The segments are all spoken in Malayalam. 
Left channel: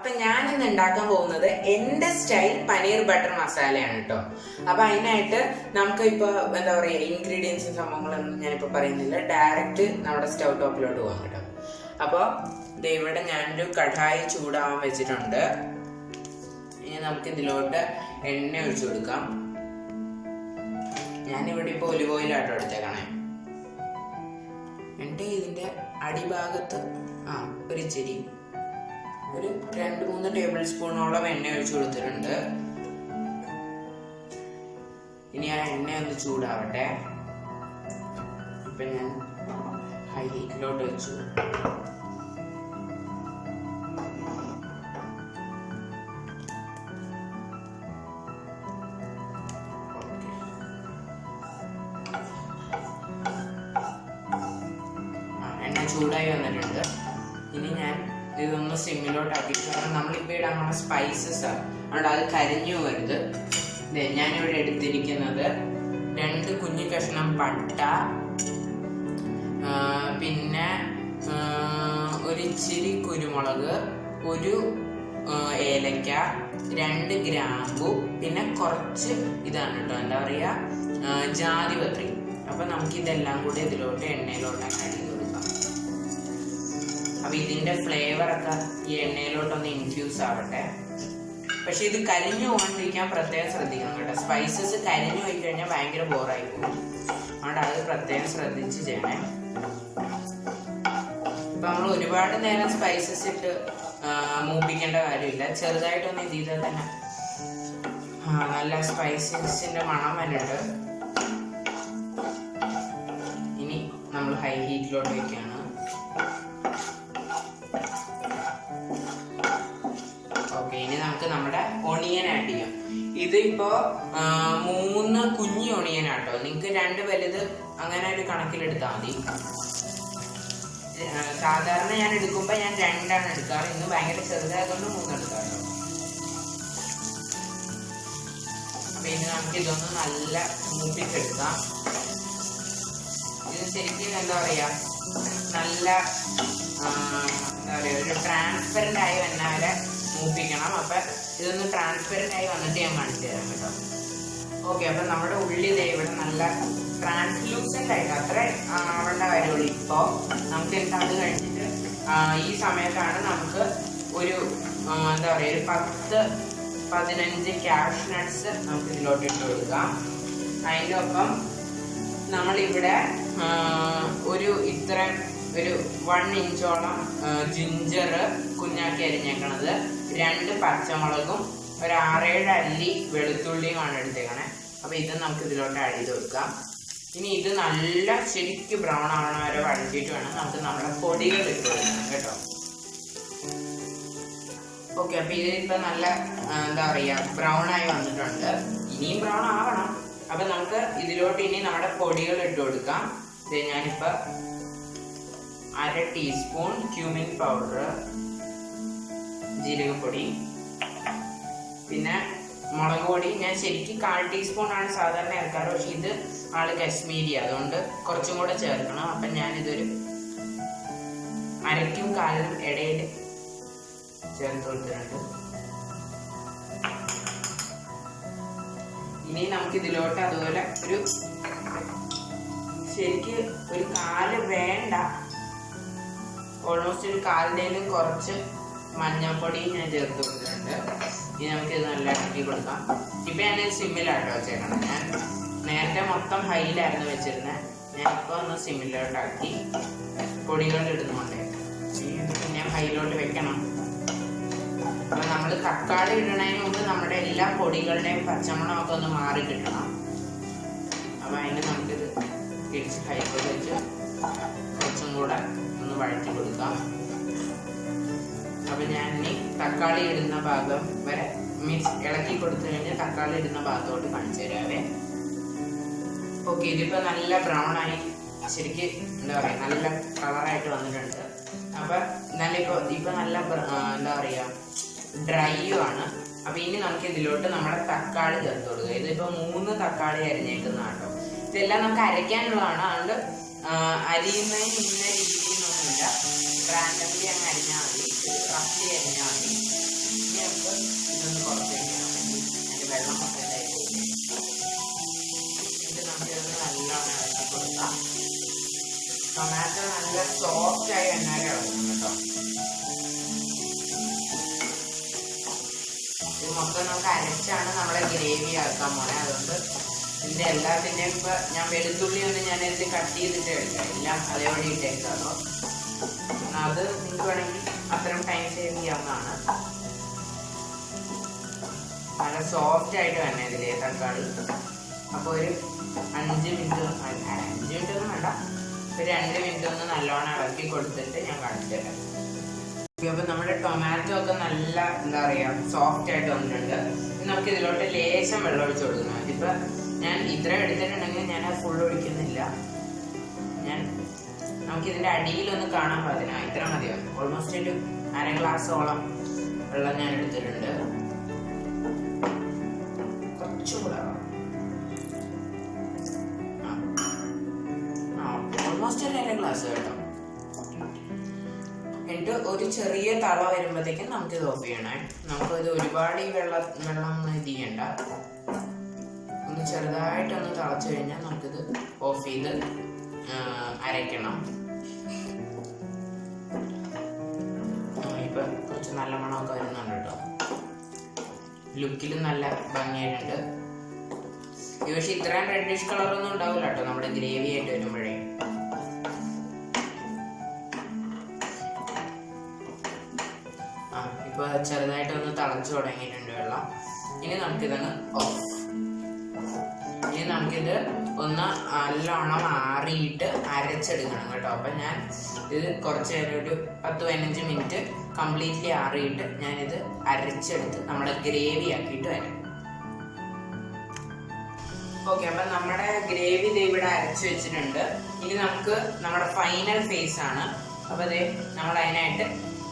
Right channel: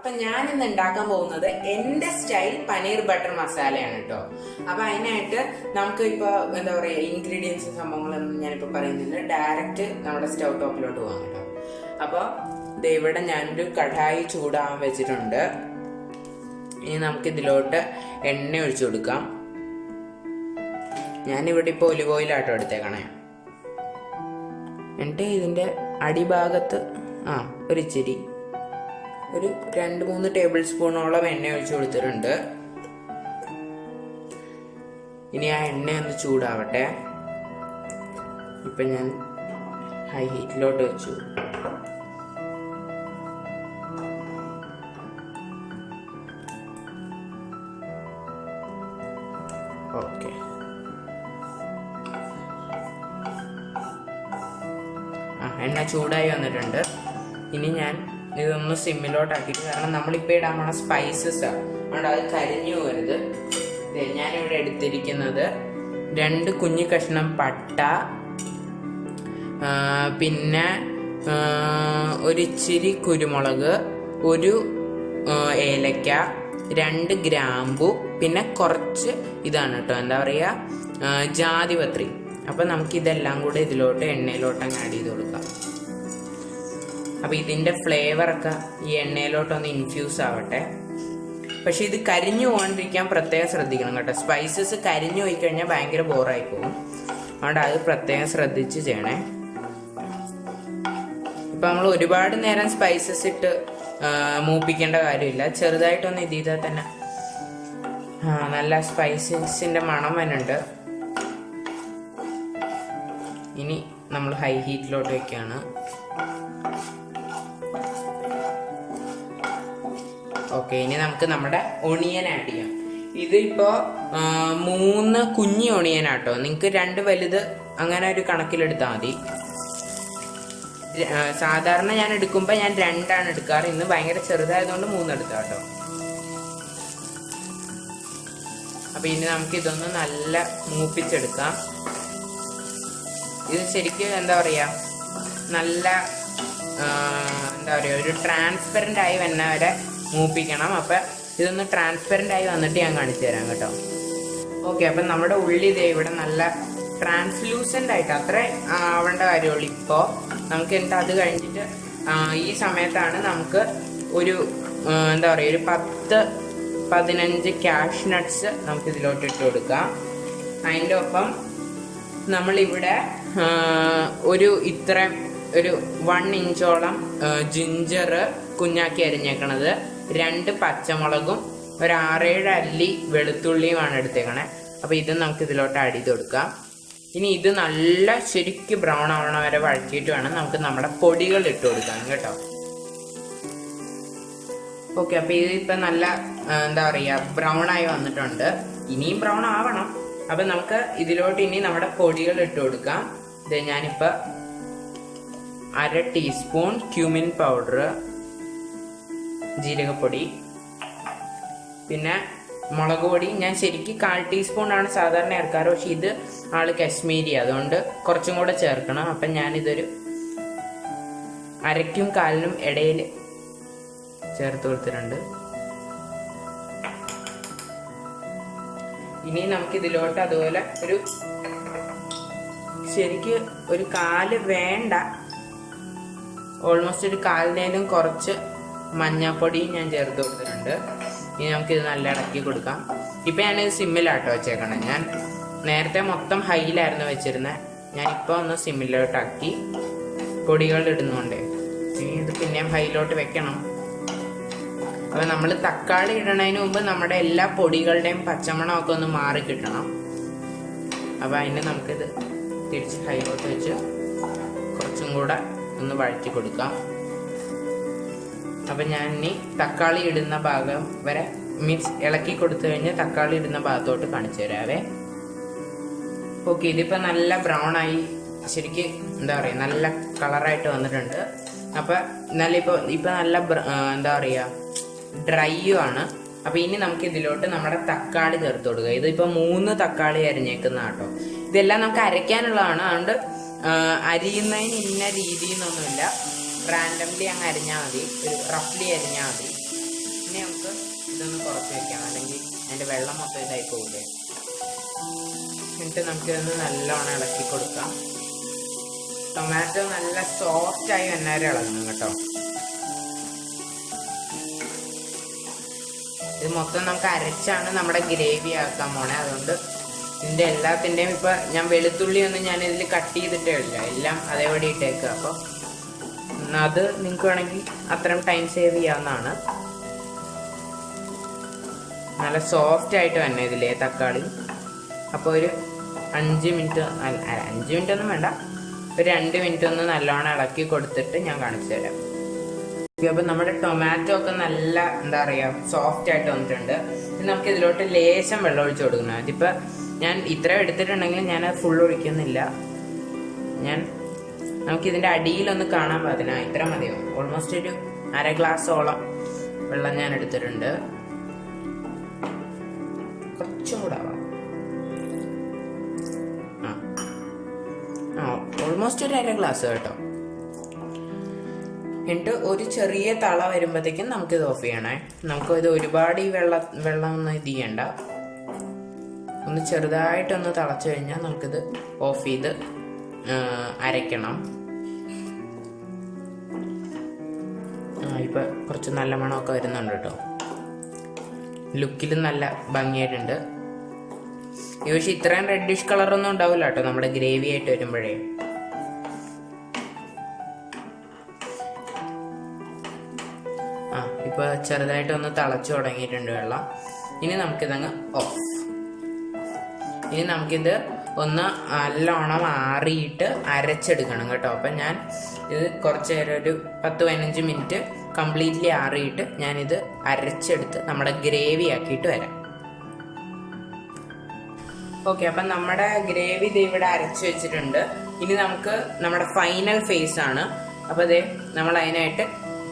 അപ്പം ഞാനിന്ന് ഉണ്ടാക്കാൻ പോകുന്നത് എൻ്റെ സ്റ്റൈൽ പനീർ ബട്ടർ മസാലയാണ് കേട്ടോ. അപ്പം അതിനായിട്ട് നമുക്ക് ഇപ്പോൾ എന്താ പറയുക, ഇൻഗ്രീഡിയൻസും സംഭവങ്ങളൊന്നും ഞാനിപ്പോൾ പറയുന്നില്ല, ഡയറക്റ്റ് നമ്മുടെ സ്റ്റൗ ടോപ്പിലോട്ട് പോകാം കേട്ടോ. അപ്പോൾ ഇവിടെ ഞാനൊരു കടായി ചൂടാവാൻ വെച്ചിട്ടുണ്ട്. ഇനി നമുക്കിതിലോട്ട് എണ്ണ ഒഴിച്ചു കൊടുക്കാം. ഞാനിവിടെ ഇപ്പോൾ ഒലിവ് ഓയിലാട്ടോ എടുത്തേക്കണേ. എന്നിട്ട് ഇതിൻ്റെ അടിഭാഗത്ത് ഒരിച്ചിരി ഒരു 2-3 ടേബിൾ സ്പൂണോളം എണ്ണ ഒഴിച്ചു കൊടുത്തിട്ടുണ്ട്. ഇനി ആ എണ്ണ ഒന്ന് ചൂടാവട്ടെ. ഇപ്പം ഞാൻ ഹൈ ഹീറ്റിലോട്ട് വെച്ചു. ഓക്കെ, എണ്ണ ചൂടായി വന്നിട്ടുണ്ട്. ഇനി ഞാൻ ഇതൊന്ന് സിമ്മിലോട്ടാക്കിയിട്ട്, കാരണം നമ്മളിപ്പോൾ ഇടാൻ പോണ സ്പൈസസ് അതുകൊണ്ട് അത് കരിഞ്ഞു പോകരുത്. ഞാനിവിടെ എടുത്തിരിക്കുന്നത് 2 കുഞ്ഞു കഷ്ണം പട്ട, പിന്നെ ഒരിച്ചിരി കുരുമുളക്, 1 ഏലക്ക, 2 ഗ്രാമ്പു, പിന്നെ കുറച്ച് ഇതാണ് കേട്ടോ, എന്താ പറയുക, ജാതിപത്രി. അപ്പം നമുക്കിതെല്ലാം കൂടെ ഇതിലോട്ട് എണ്ണയിലോട്ട് അങ്ങ് ആഡ് ചെയ്ത് കൊടുക്കാം. അപ്പോൾ ഇതിൻ്റെ ഫ്ലേവറൊക്കെ ഈ എണ്ണയിലോട്ടൊന്ന് ഇൻഫ്യൂസ് ആവട്ടെ. പക്ഷേ ഇത് കരിഞ്ഞു പോകാണ്ടിരിക്കാൻ പ്രത്യേകം ശ്രദ്ധിക്കണം കേട്ടോ. സ്പൈസസ് കരിഞ്ഞു പോയി കഴിഞ്ഞാൽ ഭയങ്കര ബോറായി പോകും. അതുകൊണ്ട് അത് പ്രത്യേകം ശ്രദ്ധിച്ച് ചെയ്യണേ. ഇപ്പം നമ്മൾ ഒരുപാട് നേരം സ്പൈസസ് ഇട്ട് മൂപ്പിക്കേണ്ട കാര്യമില്ല. ചെറുതായിട്ടൊന്ന് ഇത് ചെയ്താൽ തന്നെ നല്ല സ്പൈസസിൻ്റെ മണം വരുന്നുണ്ട്. ഇനി നമ്മൾ ഹൈ ഹീറ്റിലോട്ട് വയ്ക്കുകയാണ്. ഓക്കെ, ഇനി നമുക്ക് നമ്മുടെ ഒണിയൻ ആഡ് ചെയ്യാം. ഇതിപ്പോൾ 3 കുഞ്ഞി ഒണിയനാട്ടോ. നിങ്ങൾക്ക് 2 വലുത് അങ്ങനെ ഒരു കണക്കിലെടുത്താൽ മതി. സാധാരണ ഞാൻ എടുക്കുമ്പോൾ ഞാൻ 2 എടുക്കാറ്. ഇന്ന് ഭയങ്കര ചെറുതായതുകൊണ്ട് 3 എടുത്താൽ കേട്ടോ. അപ്പോൾ ഇനി നമുക്ക് ഇതൊന്ന് നല്ല മൂപ്പിച്ചെടുക്കാം. ഇത് ശരിക്കും എന്താ പറയുക, നല്ല എന്താ പറയുക, ഒരു ട്രാൻസ്പെറൻ്റ് ആയി വന്നവരെ മൂപ്പിക്കണം. അപ്പം ഇതൊന്ന് ട്രാൻസ്പെറൻ്റ് ആയി വന്നിട്ട് ഞാൻ കാണിച്ചു തരാം കേട്ടോ. ഓക്കെ, അപ്പം നമ്മുടെ ഉള്ളി ഇവിടെ നല്ല ട്രാൻസ്ലൂസൻ്റ് ആയിട്ട് അത്ര ആവേണ്ട കാര്യമുള്ളൂ. ഇപ്പോൾ നമുക്ക് എന്നിട്ട് അത് കഴിഞ്ഞിട്ട് ഈ സമയത്താണ് നമുക്ക് ഒരു എന്താ പറയുക, ഒരു 10-15 ക്യാഷ് നട്ട്സ് നമുക്ക് ഇതിലോട്ട് ഇട്ട് കൊടുക്കാം. അതിൻ്റെ ഒപ്പം നമ്മളിവിടെ ഒരു 1 ഇഞ്ചോളം ജിഞ്ചർ കുഞ്ഞാക്കി അരിഞ്ഞേക്കണത്, 2 പച്ചമുളകും, ഒരു 6-7 അല്ലി വെളുത്തുള്ളിയുമാണ് എടുത്തേക്കണേ. അപ്പോൾ ഇത് നമുക്ക് ഇതിലോട്ട് ആഡ് ചെയ്ത് കൊടുക്കാം. ഇനി ഇത് നല്ല ശരിക്കും ബ്രൗൺ ആവണ വരെ വഴറ്റിയിട്ട് വേണം നമുക്ക് നമ്മുടെ പൊടികൾ ഇട്ട് കൊടുക്കാം കേട്ടോ. ഓക്കെ, അപ്പോൾ ഇതിപ്പോൾ നല്ല എന്താ പറയുക, ബ്രൗൺ ആയി വന്നിട്ടുണ്ട്. ഇനിയും ബ്രൗൺ ആവണം. അപ്പം നമുക്ക് ഇതിലോട്ട് ഇനി നമ്മുടെ പൊടികൾ ഇട്ട് കൊടുക്കാം. ഇത് ഞാനിപ്പോൾ 1/2 ടീസ്പൂൺ ക്യൂമിൻ പൗഡർ, ജീരകപ്പൊടി, പിന്നെ മുളക് പൊടി ഞാൻ ശരിക്കും 1/4 ടീസ്പൂണാണ് സാധാരണ ചേർക്കാറ്. പക്ഷേ ഇത് ആള് കശ്മീരി, അതുകൊണ്ട് കുറച്ചും കൂടെ ചേർക്കണം. അപ്പം ഞാനിതൊരു 1/2-ക്കും 1/4-നും ഇടയിൽ ചേർത്ത് കൊടുത്തിട്ടുണ്ട്. ഇനി നമുക്കിതിലോട്ട് അതുപോലെ ഒരു ശരിക്ക് ഒരു 1/4 വേണ്ട, ഓൾമോസ്റ്റ് ഒരു 1/4-നും കുറച്ച് മഞ്ഞൾപ്പൊടിയും ഞാൻ ചേർത്ത് കൊടുത്തിട്ടുണ്ട്. ഇനി നമുക്കിത് നല്ല ഇളക്കി കൊടുക്കാം. ഇപ്പം ഞാനിത് സിമ്മിലാട്ടോ വെച്ചേക്കണം. ഞാൻ നേരത്തെ മൊത്തം ഹൈയിലായിരുന്നു വെച്ചിരുന്നത്. ഞാനിപ്പോൾ ഒന്ന് സിമ്മിലോട്ടാക്കി. പൊടികൾ ഇടുന്നുണ്ട്, ഇത് പിന്നെയും ഹൈയിലോട്ട് വെക്കണം. അപ്പോൾ നമ്മൾ തക്കാളി ഇടണതിന് മുമ്പ് നമ്മുടെ എല്ലാ പൊടികളുടെയും പച്ചമണമൊക്കെ ഒന്ന് മാറി കിട്ടണം. അപ്പോൾ അതിന് നമുക്കിത് തിരിച്ച് ഹൈയിലോട്ട് വെച്ച് കുറച്ചും കൂടെ ഒന്ന് വഴറ്റി കൊടുക്കാം. അപ്പം ഞാൻ ഇനി തക്കാളി ഇടുന്ന ഭാഗം വരെ മീൻസ് ഇളക്കി കൊടുത്തു കഴിഞ്ഞ് തക്കാളി ഇടുന്ന ഭാഗത്തോട്ട് കാണിച്ചു തരാവേ. ഓക്കെ, ഇതിപ്പോൾ നല്ല ബ്രൗൺ ആയി, ശരിക്ക് എന്താ പറയുക, നല്ല കളറായിട്ട് വന്നിട്ടുണ്ട്. അപ്പം നല്ല ഇപ്പോൾ നല്ല എന്താ പറയുക, ഡ്രൈയും ആണ്. അപ്പോൾ ഇനി നമുക്ക് ഇതിലോട്ട് നമ്മുടെ തക്കാളി ചേർത്ത് കൊടുക്കുക. ഇതിപ്പോൾ 3 തക്കാളി അരിഞ്ഞേക്കുന്നതാണ് കേട്ടോ. ഇതെല്ലാം നമുക്ക് അരയ്ക്കാനുള്ളതാണ്. അതുകൊണ്ട് അരിയുന്നതിന് ഇന്ന രീതിയെന്നൊന്നുമില്ല, റാൻഡംലി അങ്ങ് അരിഞ്ഞാൽ മതി, റഫ്ലി അരിഞ്ഞാൽ മതി. ഇനി നമുക്ക് ഇതൊന്ന് കുറച്ച് വയ്ക്കാം, അല്ലെങ്കിൽ അതിൻ്റെ വെള്ളം മൊത്തം ഇതായി പോകില്ലേ. എന്നിട്ട് നമുക്കിതൊന്ന് നല്ലോണം ഇളക്കി കൊടുക്കാം. ടൊമാറ്റോ നല്ല സോഫ്റ്റായി വന്നാലും ഇളങ്ങും കേട്ടോ. ഇത് മൊത്തം നമുക്ക് അരച്ചാണ് നമ്മുടെ ഗ്രേവി ആക്കാൻ പോണേ. അതുകൊണ്ട് ഇതിൻ്റെ എല്ലാത്തിൻ്റെയും ഇപ്പം ഞാൻ വെളുത്തുള്ളി ഒന്നും ഞാൻ ഇതിൽ കട്ട് ചെയ്തിട്ടേ ഇല്ല, എല്ലാം അതേപടി ഇട്ടേക്കുക. അപ്പോൾ അത് നിങ്ങൾക്ക് വേണമെങ്കിൽ അത്രയും ടൈം സേവ് ചെയ്യാവുന്നതാണ്. നല്ല സോഫ്റ്റ് ആയിട്ട് തന്നെ ഇതിലേ തക്കാളി. അപ്പോൾ ഒരു 5 മിനിറ്റ്, 5 മിനിറ്റ് ഒന്നും വേണ്ട, ഒരു 2 മിനിറ്റ് ഒന്ന് നല്ലോണം ഇളക്കി കൊടുത്തിട്ട് ഞാൻ കാണിച്ചു തരാം. അപ്പോൾ നമ്മുടെ ടൊമാറ്റോ ഒക്കെ നല്ല എന്താ പറയുക സോഫ്റ്റ് ആയിട്ട് വന്നിട്ടുണ്ട്. നമുക്ക് ഇതിലോട്ട് ലേശം വെള്ളം ഒഴിച്ച് കൊടുക്കണം. അതിപ്പോൾ ഞാൻ ഇത്ര എടുത്തിട്ടുണ്ടെങ്കിൽ ഞാൻ ഫുൾ ഒഴിക്കുന്നില്ല. നമുക്കിതിൻ്റെ അടിയിലൊന്ന് കാണാൻ പാടില്ല, ഇത്ര മതിയാവും. ഓൾമോസ്റ്റ് ഒരു 1/2 ഗ്ലാസോളം വെള്ളം ഞാൻ എടുത്തിട്ടുണ്ട്. കുറച്ചും കൂടെ ആവാം. ഓൾമോസ്റ്റ് ഒരു 1/2 ഗ്ലാസ് കേട്ടോ. എന്നിട്ട് ഒരു ചെറിയ തള വരുമ്പോഴത്തേക്കും നമുക്കിത് ഓഫ് ചെയ്യണേ. നമുക്കിത് ഒരുപാട് ഈ വെള്ളം ഒന്നും ഇത് ചെയ്യണ്ട. ഒന്ന് ചെറുതായിട്ടൊന്ന് തിളച്ച് കഴിഞ്ഞാൽ നമുക്കിത് ഓഫ് ചെയ്ത് അരയ്ക്കണം. ഇപ്പം കുറച്ച് നല്ല മണമൊക്കെ വരുന്നുണ്ട് കേട്ടോ. ലുക്കിലും നല്ല ഭംഗിയായിട്ടുണ്ട്. പക്ഷേ ഇത്രയും റെഡിഷ് കളറൊന്നും ഉണ്ടാവില്ല കേട്ടോ നമ്മുടെ ഗ്രേവി ആയിട്ട് വരുമ്പോഴേ. ഇപ്പോൾ ചെറുതായിട്ടൊന്ന് തിളച്ച് തുടങ്ങിയിട്ടുണ്ട് വെള്ളം. ഇനി നമുക്കിതങ്ങ് ഓഫ്. ഇനി നമുക്കിത് ഒന്ന് നല്ലോണം ആറിയിട്ട് അരച്ചെടുക്കണം കേട്ടോ. അപ്പം ഞാൻ ഇത് കുറച്ച് നേരം ഒരു 10-15 മിനിറ്റ് കംപ്ലീറ്റ്ലി ആറിയിട്ട് ഞാനിത് അരച്ചെടുത്ത് നമ്മുടെ ഗ്രേവി ആക്കിയിട്ട് വരാം. ഓക്കെ, അപ്പം നമ്മുടെ ഗ്രേവി ഇത് ഇവിടെ അരച്ച് വെച്ചിട്ടുണ്ട്. ഇനി നമുക്ക് നമ്മുടെ ഫൈനൽ ഫേസ് ആണ്. അപ്പോൾ അതേ നമ്മൾ അതിനായിട്ട്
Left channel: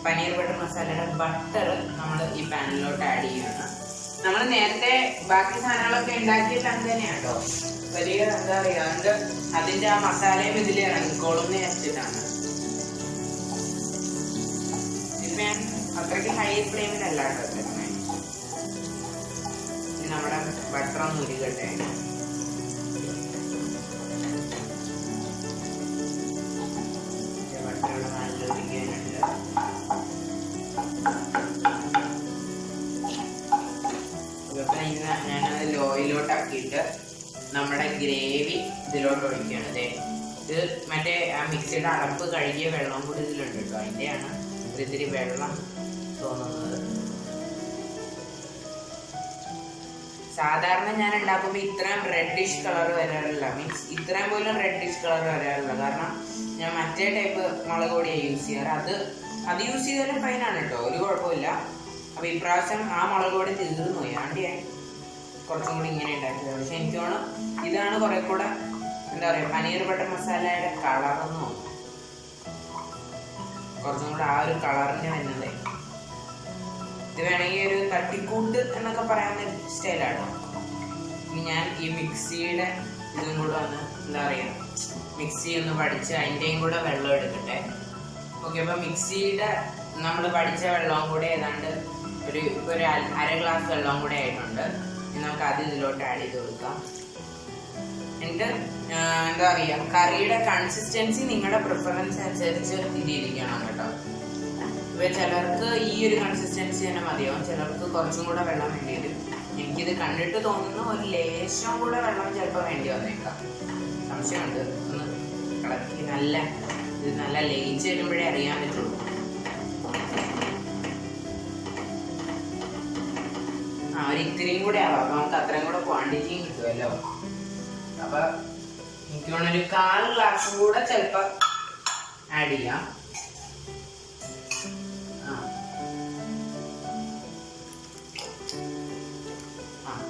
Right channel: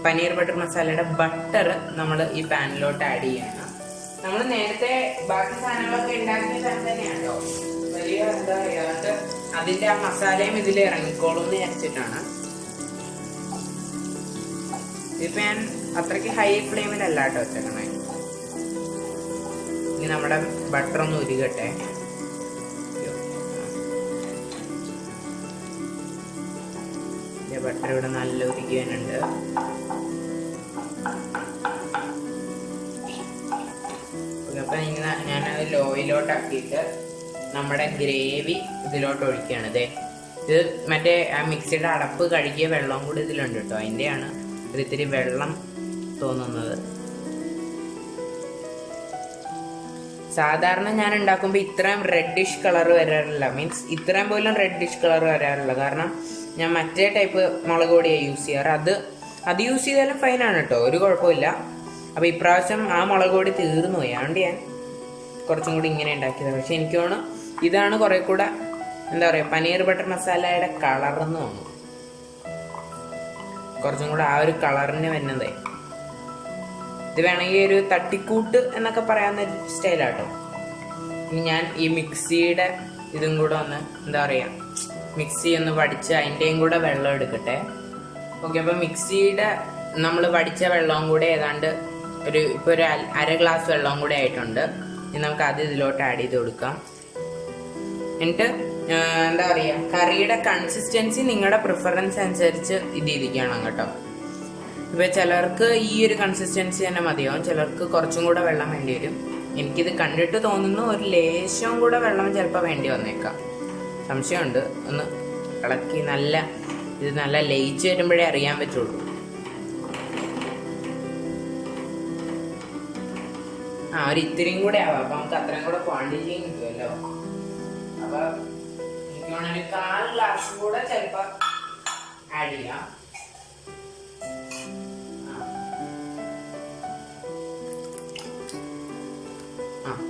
പനീർ ബട്ടർ മസാലയുടെ ബട്ടർ നമ്മൾ ഈ പാനിലോട്ട് ആഡ് ചെയ്യണം. നമ്മൾ നേരത്തെ ബാക്കി സാധനങ്ങളൊക്കെ ഉണ്ടാക്കിയ പാൻ തന്നെയാണ് കേട്ടോ. വലിയ എന്താ പറയുക, അതുകൊണ്ട് അതിൻ്റെ ആ മസാലയും ഇതിൽ ഇറങ്ങിക്കോളും എന്ന് വിചാരിച്ചിട്ടാണ്. ഇതിപ്പോൾ ഞാൻ അത്രയ്ക്ക് ഹൈ ഫ്ലെയിമിലല്ല കേട്ടോ വെച്ചേക്കണേ. ഇനി നമ്മുടെ ബട്ടർ ഒന്ന് ഉരുകട്ടെ. ബട്ടർ ഇവിടെ നല്ല ഉരുകി വരുന്നുണ്ട്. അപ്പം ഇന്ന് ഞാനത് ലോയിലോട്ടാക്കിയിട്ട് നമ്മുടെ ഗ്രേവി ഇതിലോട്ട് ഒഴിക്കുകയാണ്. ഇത് മറ്റേ ആ മിക്സിയുടെ അടപ്പ് കഴുകിയ വെള്ളം കൂടി ഇതിലുണ്ട് കേട്ടോ. അതിൻ്റെയാണ് ഒരിത്തിരി വെള്ളം തോന്നുന്നത്. സാധാരണ ഞാൻ ഉണ്ടാക്കുമ്പോൾ ഇത്രയും റെഡിഷ് കളർ വരാറില്ല, മീൻസ് ഇത്രയും പോലും റെഡിഷ് കളർ വരാറില്ല. കാരണം ഞാൻ മറ്റേ ടൈപ്പ് മുളക് പൊടിയാണ് യൂസ് ചെയ്യാറ്. അത് യൂസ് ചെയ്താലും ഫൈനാണ് കേട്ടോ, ഒരു കുഴപ്പമില്ല. അപ്പോൾ ഇപ്രാവശ്യം ആ മുളക് പൊടി തീർന്നു പോയി, അതുകൊണ്ട് ഞാൻ കുറച്ചും കൂടി ഇങ്ങനെ ഉണ്ടാക്കിയത്. പക്ഷെ എനിക്ക് തോന്നുന്നു ഇതാണ് കുറേ കൂടെ എന്താ പറയുക പനീർ ബട്ടർ മസാലയുടെ കളറെന്ന് തോന്നുന്നു. കുറച്ചും കൂടെ ആ ഒരു കളറിന് വരുന്നതേ. ഇത് വേണമെങ്കിൽ ഒരു തട്ടിക്കൂട്ട് എന്നൊക്കെ പറയാവുന്ന ഒരു സ്റ്റൈലാട്ടോ. ഇനി ഞാൻ ഈ മിക്സിയുടെ ഇതും കൂടെ ഒന്ന് എന്താ പറയുക മിക്സി ഒന്ന് പഠിച്ച് അതിൻ്റെയും കൂടെ വെള്ളം എടുക്കട്ടെ. ഓക്കെ, അപ്പോൾ മിക്സിയുടെ നമ്മൾ പഠിച്ച വെള്ളവും കൂടെ ഏതാണ്ട് ഇപ്പോൾ ഒരു 1/2 ഗ്ലാസ് വെള്ളവും കൂടെ ആയിട്ടുണ്ട്. ഇനി നമുക്ക് അത് ഇതിലോട്ട് ആഡ് ചെയ്ത് കൊടുക്കാം. എന്നിട്ട് എന്താ പറയുക കറിയുടെ കൺസിസ്റ്റൻസി നിങ്ങളുടെ പ്രിഫറൻസ് അനുസരിച്ച് ഇത് ഇരിക്കണം കേട്ടോ. ഇപ്പോൾ ചിലർക്ക് ഈ ഒരു കൺസിസ്റ്റൻസി തന്നെ മതിയാവും, ചിലർക്ക് കുറച്ചും കൂടെ വെള്ളം വേണ്ടി വരും. എനിക്കിത് കണ്ടിട്ട് തോന്നുന്നു ഒരു ലേശം കൂടെ വെള്ളം ചിലപ്പോൾ വേണ്ടി വന്നേക്കാം, സംശയമുണ്ട്. ഒന്ന് ഇളക്കി ഇത് നല്ല ലയിച്ച് വരുമ്പോഴേ അറിയാൻ പറ്റുള്ളൂ. ഒരു ഇത്തിരിയും കൂടെ ആവാം, അപ്പോൾ നമുക്ക് അത്രയും കൂടെ ക്വാണ്ടിറ്റിയും കിട്ടുമല്ലോ. അപ്പോൾ എനിക്ക് വേണം ഒരു 1/4 ഗ്ലാസ് കൂടെ ചിലപ്പോൾ ആഡ് ചെയ്യാം.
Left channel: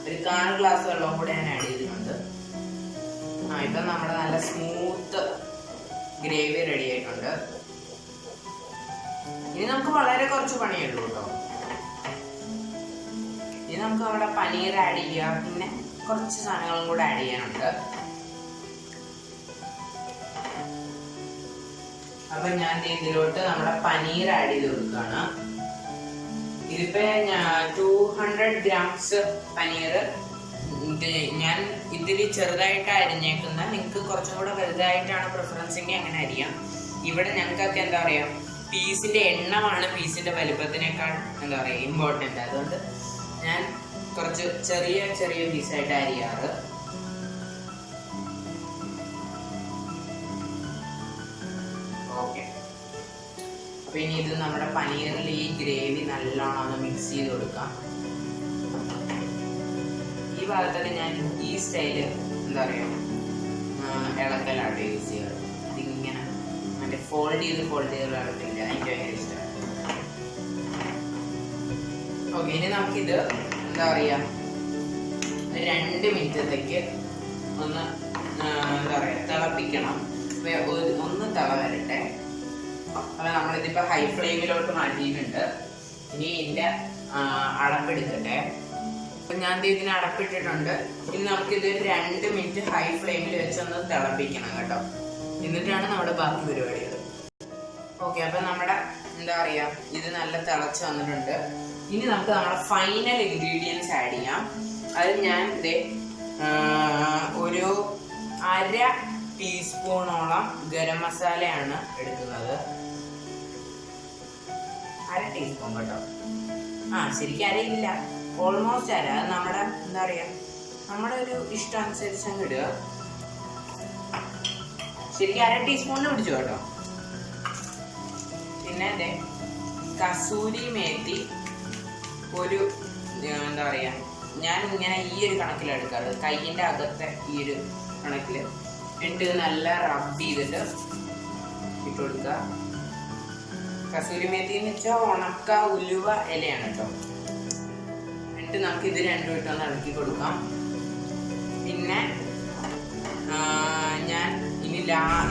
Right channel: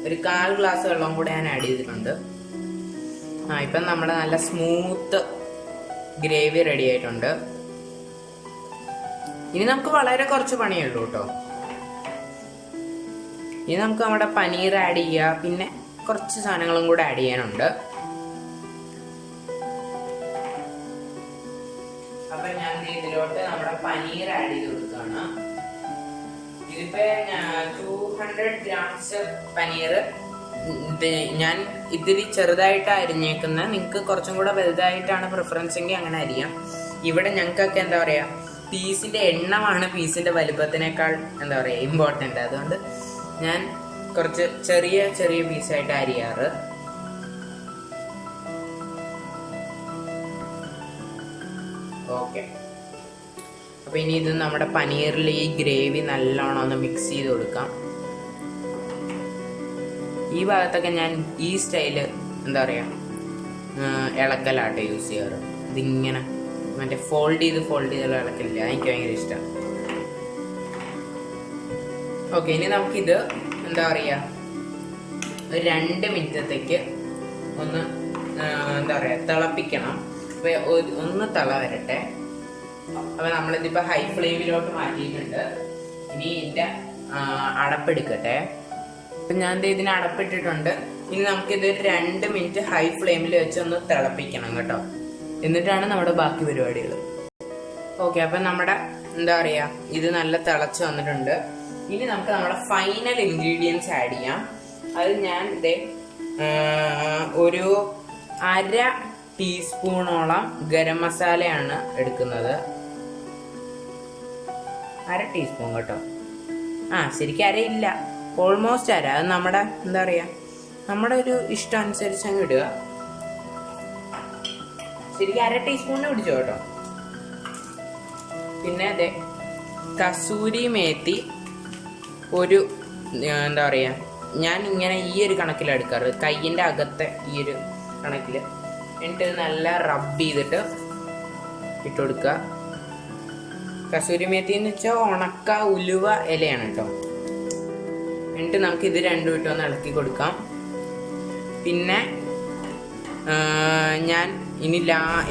ഒരു 1/4 ഗ്ലാസ് വെള്ളം കൂടെ ഞാൻ ആഡ് ചെയ്തിട്ടുണ്ട്. ഇപ്പം നമ്മുടെ നല്ല സ്മൂത്ത് ഗ്രേവി റെഡി ആയിട്ടുണ്ട്. ഇനി നമുക്ക് വളരെ കുറച്ച് പണിയുള്ളൂ കേട്ടോ. ഇനി നമുക്ക് നമ്മുടെ പനീർ ആഡ് ചെയ്യുക, പിന്നെ കുറച്ച് സാധനങ്ങളും കൂടെ ആഡ് ചെയ്യാനുണ്ട്. അപ്പം ഞാൻ ഇതിലോട്ട് നമ്മുടെ പനീർ ആഡ് ചെയ്ത് കൊടുക്കുകയാണ്. ഇതിപ്പോ 200 ഗ്രാംസ് പനീർ ഞാൻ ഇതിരി ചെറുതായിട്ട് അരിഞ്ഞേക്കുന്ന. നിങ്ങൾക്ക് കുറച്ചും കൂടെ വലുതായിട്ടാണ് പ്രിഫറൻസ് എങ്കിൽ അങ്ങനെ അരിയാം. ഇവിടെ ഞങ്ങൾക്കൊക്കെ എന്താ പറയാ, പീസിന്റെ എണ്ണമാണ് പീസിന്റെ വലുപ്പത്തിനേക്കാൾ എന്താ പറയാ ഇമ്പോർട്ടൻ്റ്. അതുകൊണ്ട് ഞാൻ കുറച്ച് ചെറിയ ചെറിയ പീസായിട്ട് അരിയാറ്. ഓക്കെ, അപ്പൊ ഇനി ഇത് നമ്മുടെ പനീറിൽ ഈ ഗ്രേവി നല്ലോണം ഒന്ന് മിക്സ് ചെയ്ത് കൊടുക്കാം. ഈ ഭാഗത്തൊക്കെ ഞാൻ ഈ സ്റ്റൈല് എന്താ പറയാ ഇളക്കലാട്ടോ യൂസ് ചെയ്യാറ്. ഇതിങ്ങനെ മറ്റേ ഫോൾഡ് ചെയ്തുള്ള ഇളക്കില്ല, എനിക്ക് ഭയങ്കര ഇഷ്ടമാണ്. ഓക്കെ, ഇനി നമുക്കിത് എന്താ പറയുക ഒരു 2 മിനിറ്റത്തേക്ക് ഒന്ന് എന്താ പറയുക തിളപ്പിക്കണം. ഒന്ന് തിള വരട്ടെ. അപ്പോൾ നമ്മളിതിപ്പോൾ ഹൈ ഫ്ലെയിമിലോട്ട് മാറ്റിയിട്ടുണ്ട്. ഇനി ഇതിൻ്റെ അടപ്പെടുക്കട്ടെ. അപ്പം ഞാൻ ഇതിന് അടപ്പിട്ടിട്ടുണ്ട്. ഇനി നമുക്കിതൊരു 2 മിനിറ്റ് ഹൈ ഫ്ലെയിമിൽ വെച്ച് ഒന്ന് തിളപ്പിക്കണം കേട്ടോ. എന്നിട്ടാണ് നമ്മുടെ ബാക്കി പരിപാടികൾ. ഓക്കെ, അപ്പം നമ്മുടെ എന്താ പറയുക ഇത് നല്ല തിളച്ച് വന്നിട്ടുണ്ട്. ഇനി നമുക്ക് നമ്മുടെ ഫൈനൽ ഇൻഗ്രീഡിയൻസ് ആഡ് ചെയ്യാം. അത് ഞാൻ ഒരു 1/2 ടീസ്പൂണോളം ഗരം മസാലയാണ് എടുക്കുന്നത്. 1/2 ടീസ്പൂൺ കേട്ടോ. ശരിക്കും അരയില്ല, ഓൾമോസ്റ്റ് അര. അത് നമ്മുടെ എന്താ പറയുക നമ്മുടെ ഒരു ഇഷ്ടം അനുസരിച്ച് അങ്ങ് ഇടുക. ശരിക്കും 1/2 ടീസ്പൂണിന് പിടിച്ചു കേട്ടോ. പിന്നെ കസൂരി മേത്തി ഒരു എന്താ പറയുക ഞാൻ ഇങ്ങനെ ഈ ഒരു കണക്കിലാണ് എടുക്കാറ്, കയ്യിൻ്റെ അകത്തെ ഈ ഒരു കണക്കിൽ. എന്നിട്ട് നല്ല റബ്ബ് ചെയ്തിട്ട് ഇട്ട് കൊടുക്കുക. കസൂരി മേത്തി എന്ന് വെച്ചാൽ ഉണക്ക ഉലുവ ഇലയാണ് കേട്ടോ. എന്നിട്ട് നമുക്ക് ഇത് രണ്ടും ഇട്ടൊന്ന് ഇളക്കി കൊടുക്കാം. പിന്നെ ഞാൻ ഇനി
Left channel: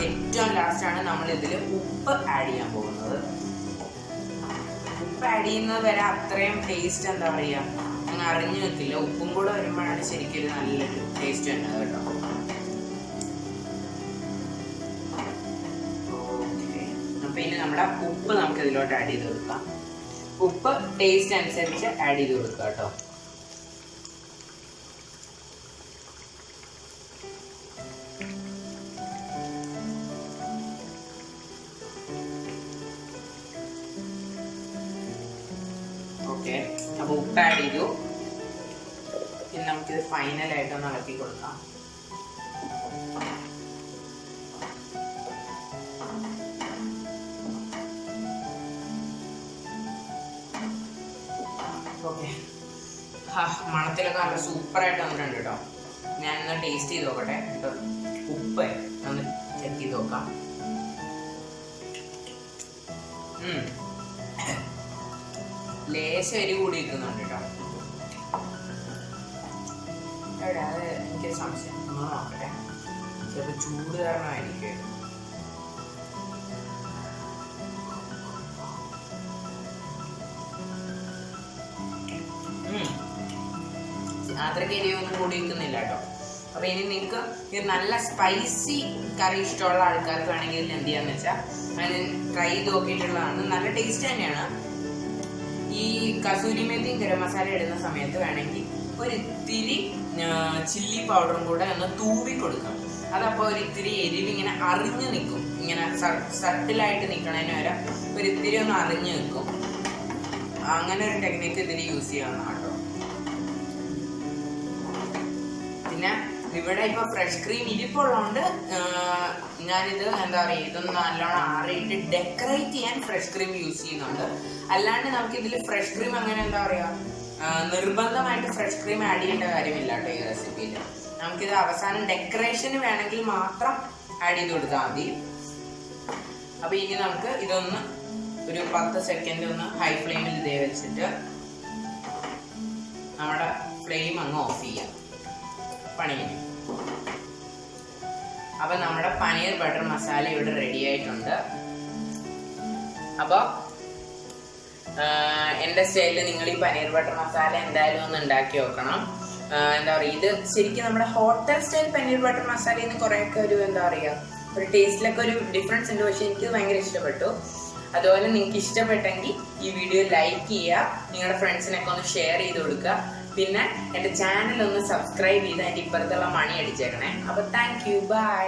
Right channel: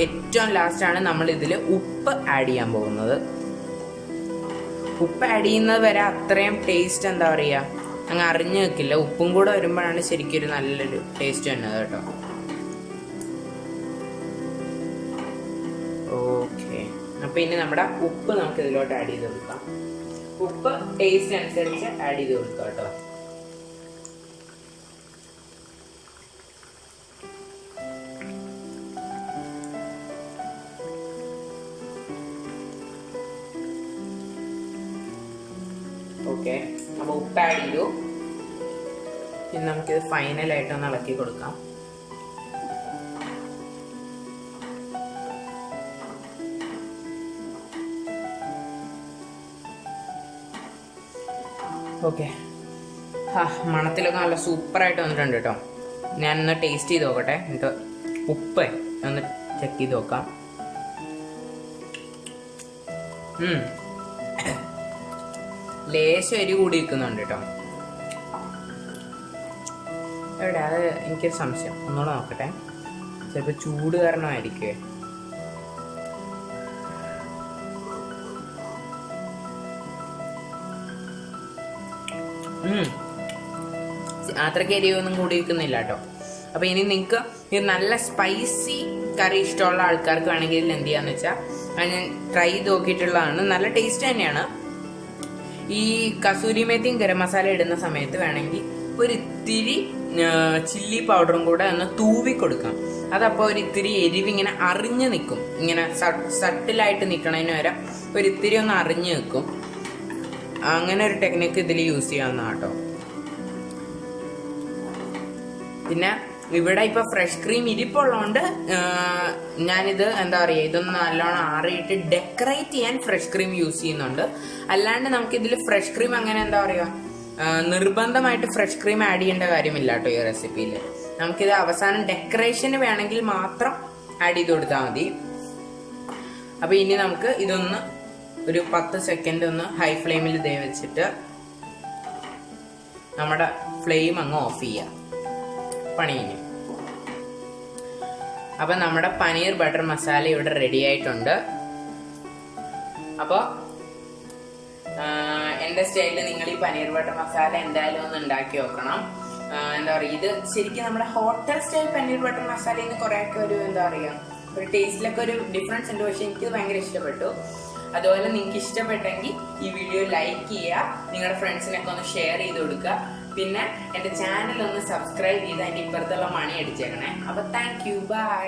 ഏറ്റവും ലാസ്റ്റാണ് നമ്മൾ ഇതിൽ ഉപ്പ് ആഡ് ചെയ്യാൻ പോകുന്നത്. ഉപ്പ് ആഡ് ചെയ്യുന്നത് വരെ അത്രയും ടേസ്റ്റ് എന്താ പറയുക അങ്ങ് അറിഞ്ഞു വെക്കില്ല. ഉപ്പും കൂടെ വരുമ്പോഴാണ് ശരിക്കും ഒരു നല്ലൊരു ടേസ്റ്റ് വരുന്നത് കേട്ടോ. ഓക്കെ, അപ്പം ഇനി നമ്മുടെ ഉപ്പ് നമുക്ക് ഇതിലോട്ട് ആഡ് ചെയ്ത് കൊടുക്കാം. ഉപ്പ് ടേസ്റ്റ് അനുസരിച്ച് ആഡ് ചെയ്ത് കൊടുക്കുക കേട്ടോ. ഓക്കെ, അപ്പോൾ ഉപ്പ് ആഡ് ചെയ്തു. പിന്നെ നമുക്കിത് ഫൈനലായിട്ടൊന്ന് ഇളക്കി കൊടുക്കാം. ഓക്കെ, മണത്തിലൊക്കെ നല്ല സൂപ്പറായിട്ട് വന്നിട്ടുണ്ട് കേട്ടോ. ഞാനൊന്ന് ടേസ്റ്റ് ചെയ്ത് നോക്കട്ടെ. എന്നിട്ട് ഉപ്പ് ഒന്ന് ചെക്ക് ചെയ്ത് നോക്കാം. ലേശം എരി കൂടി നിൽക്കുന്നുണ്ട് കേട്ടോ. എവിടെ അത് എനിക്കൊരു സംശയം, ഒന്നുകൂടെ നോക്കട്ടെ. ചിലപ്പോൾ ചൂട് കാരണമായിരിക്കുമേ. അത്രയ്ക്ക് എരിവൊന്നും കൂടി നിൽക്കുന്നില്ല കേട്ടോ. അപ്പോൾ ഇനി നിങ്ങൾക്ക് ഇത് നല്ല സ്പൈസി കറി ഇഷ്ടമുള്ള ആൾക്കാർക്ക് വേണമെങ്കിൽ ഇതിൽ എന്ത് ചെയ്യാന്ന് വെച്ചാൽ ഞാൻ ട്രൈ ചെയ്ത് നോക്കിയിട്ടുള്ളതാണ്. നല്ല ടേസ്റ്റ് തന്നെയാണ്. ഈ കസൂരി മേത്തിയും ഗരം മസാല ഇടുന്ന സമയത്ത് വേണമെങ്കിൽ ഒരു ഇത്തിരി ചില്ലി പൗഡറും കൂടെ ഒന്ന് തൂവി കൊടുക്കാം. അതപ്പോൾ ഒരു ഇത്തിരി എരിവ് ഇങ്ങനെ അറിഞ്ഞ് നിൽക്കും. ഇങ്ങനെ സട്ടിലായിട്ട് നിൽക്കണതിന് വരെ ഒരു ഇത്തിരി ഒന്ന് അറിഞ്ഞ് നിൽക്കും. അങ്ങനെ ഒരു ടെക്നിക്ക് ഇതിൽ യൂസ് ചെയ്യാവുന്ന കേട്ടോ. പിന്നെ ഇവിടെ ഇപ്പോൾ ഫ്രഷ് ക്രീം ഇരിപ്പുള്ളതുകൊണ്ട് ഞാനിത് എന്താ പറയുക ഇതൊന്ന് നല്ലോണം ആറിയിട്ട് ഡെക്കറേറ്റ് ചെയ്യാൻ ഫ്രഷ് ക്രീം യൂസ് ചെയ്യുന്നുണ്ട്. അല്ലാണ്ട് നമുക്കിതിൽ ഫ്രഷ് ക്രീം അങ്ങനെ എന്താ പറയുക നിർബന്ധമായിട്ട് ഫ്രഷ് ക്രീം ആഡ് ചെയ്യേണ്ട കാര്യമില്ല കേട്ടോ ഈ റെസിപ്പിയിൽ. നമുക്കിത് അവസാനം ഡെക്കറേഷന് വേണമെങ്കിൽ മാത്രം ആഡ് ചെയ്ത് കൊടുത്താൽ മതി. അപ്പോൾ ഇനി നമുക്ക് ഇതൊന്ന് ഒരു 10 സെക്കൻഡ് ഒന്ന് ഹൈ ഫ്ലെയിമിൽ വെച്ചിട്ട് നമ്മുടെ ഫ്ലെയിം അങ്ങ് ഓഫ് ചെയ്യാം. പണിയിന്. അപ്പം നമ്മുടെ പനീർ ബട്ടർ മസാല ഇവിടെ റെഡി ആയിട്ടുണ്ട്. അപ്പോൾ എൻ്റെ സ്റ്റൈലിൽ നിങ്ങൾ ഈ പനീർ ബട്ടർ മസാല എന്തായാലും ഒന്ന് ഉണ്ടാക്കി നോക്കണം. എന്താ പറയുക ഇത് ശരിക്കും നമ്മുടെ ഹോട്ടൽ സ്റ്റൈൽ പനീർ ബട്ടർ മസാലയിൽ നിന്ന് കുറേയൊക്കെ ഒരു എന്താ പറയുക ഒരു ടേസ്റ്റിലൊക്കെ ഒരു ഡിഫറൻസ് ഉണ്ട്. പക്ഷേ എനിക്കിത് ഭയങ്കര ഇഷ്ടപ്പെട്ടു. അതുപോലെ നിങ്ങൾക്ക് ഇഷ്ടപ്പെട്ടെങ്കിൽ ഈ വീഡിയോ ലൈക്ക് ചെയ്യുക, നിങ്ങളുടെ ഫ്രണ്ട്സിനൊക്കെ ഒന്ന് ഷെയർ ചെയ്ത് കൊടുക്കുക. പിന്നെ എൻ്റെ ചാനൽ ഒന്ന് സബ്സ്ക്രൈബ് ചെയ്ത് അതിൻ്റെ ഇപ്പുറത്തുള്ള മണി അടിച്ചേക്കണേ. അപ്പോൾ താങ്ക് യു, ബൈ.